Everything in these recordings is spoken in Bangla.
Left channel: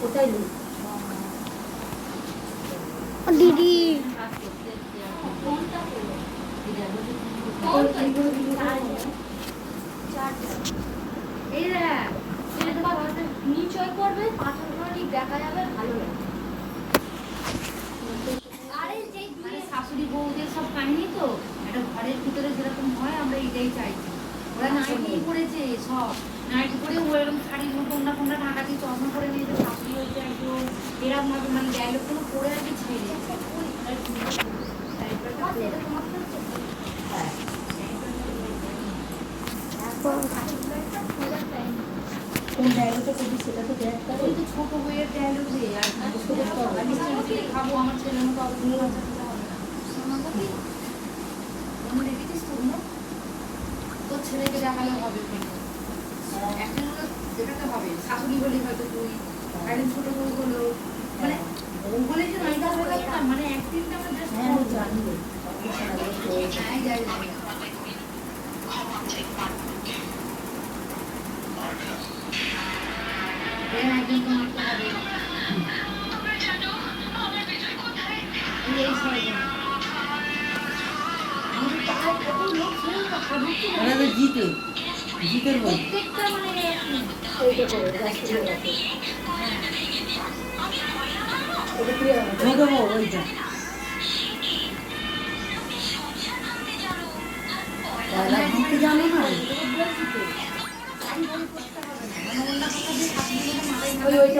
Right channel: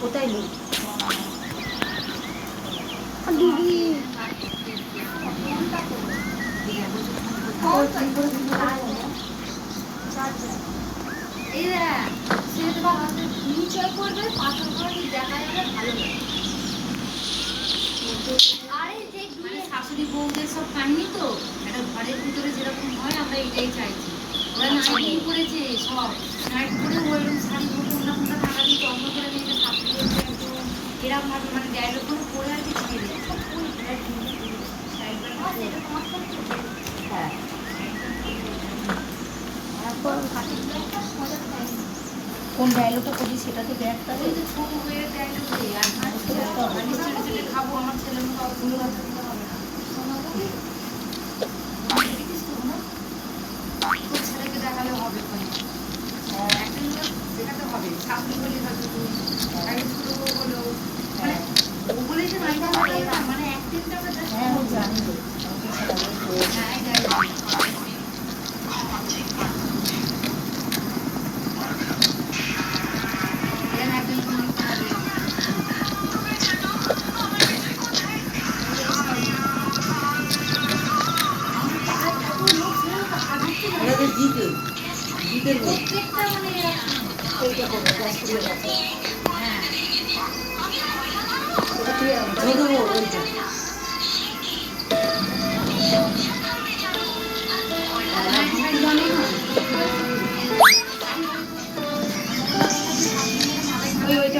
কোথায় দিদি শাশুড়ি বউদের সব কাহিনী তো এটা ঘরের ভিতরে যেরকম হয় আমরা এটাই চাইছি। ওরা নাইটি পরেছে সব নাইটি পরে ও এরকম শাড়ি কোনটা কোনটা টাকা দিয়ে যত্ন করে নিতে শাশুড়ি বলছে একটু এরকম ভাবে মানে ডায়লগ কোনো পরে আর কি ছেড়ে হ্যাঁ কোন ডায়লগটা করবি সেটা তো দেখ তাহলে তো ছোট মেয়ের ডায়লগ দিয়ে আর নিশ্চয়ই খাবো আমার ছেলের মতো অন্য কথা দিতে হবে তোর ছেলেকে দেখালে হবে একটা দেখাতে হবে শাশুড়ি বলি হয়তো তুই একদিন ছোট বউ হলো মানে ও বলে যে নায়িকা মানে একদিনটা জানবো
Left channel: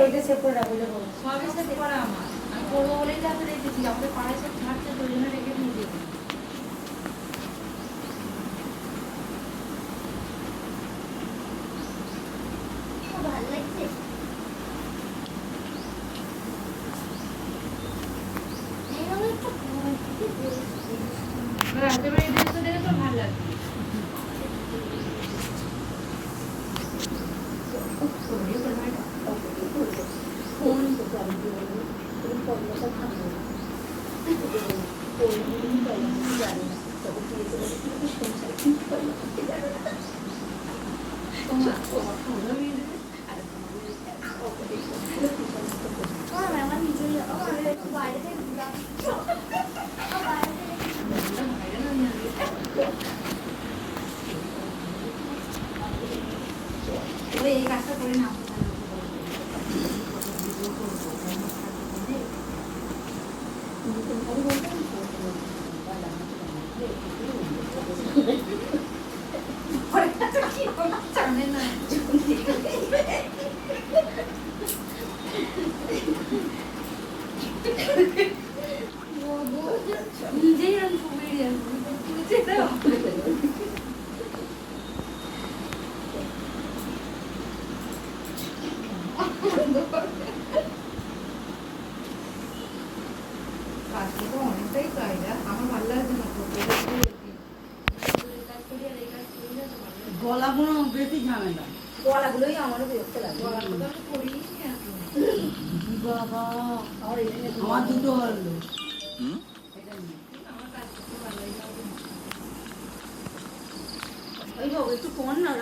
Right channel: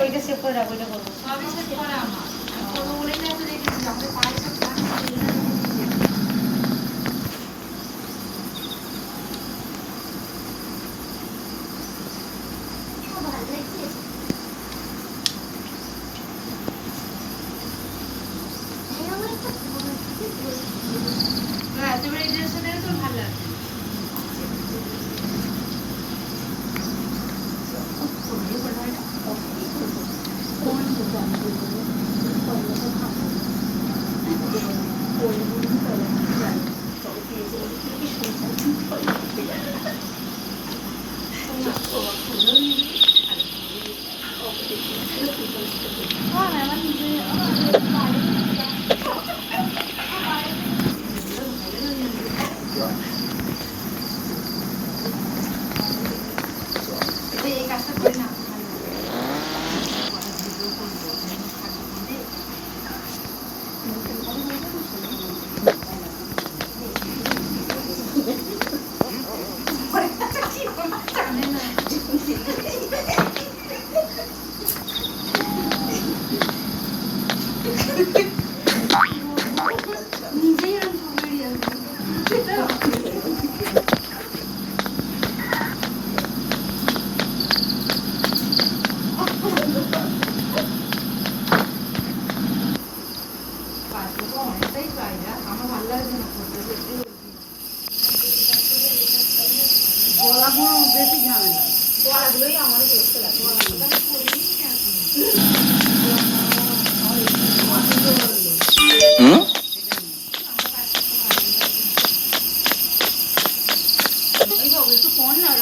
ওইটা সেভ করে রাখো সবই সেভ করা আমার করবো বলেই তো আমি রেখেছি আমাদের পায়ে সব থাকছে ওই জন্য রেখে দিয়েছি এতবার এই ড্রেসটা দেখে তোর ভালো লাগছে এই কাজটা করে না বেশি ঝামেলা গলাগুলোই আমারও বিরক্ত লাগে গলাগুলো একটু ফোন না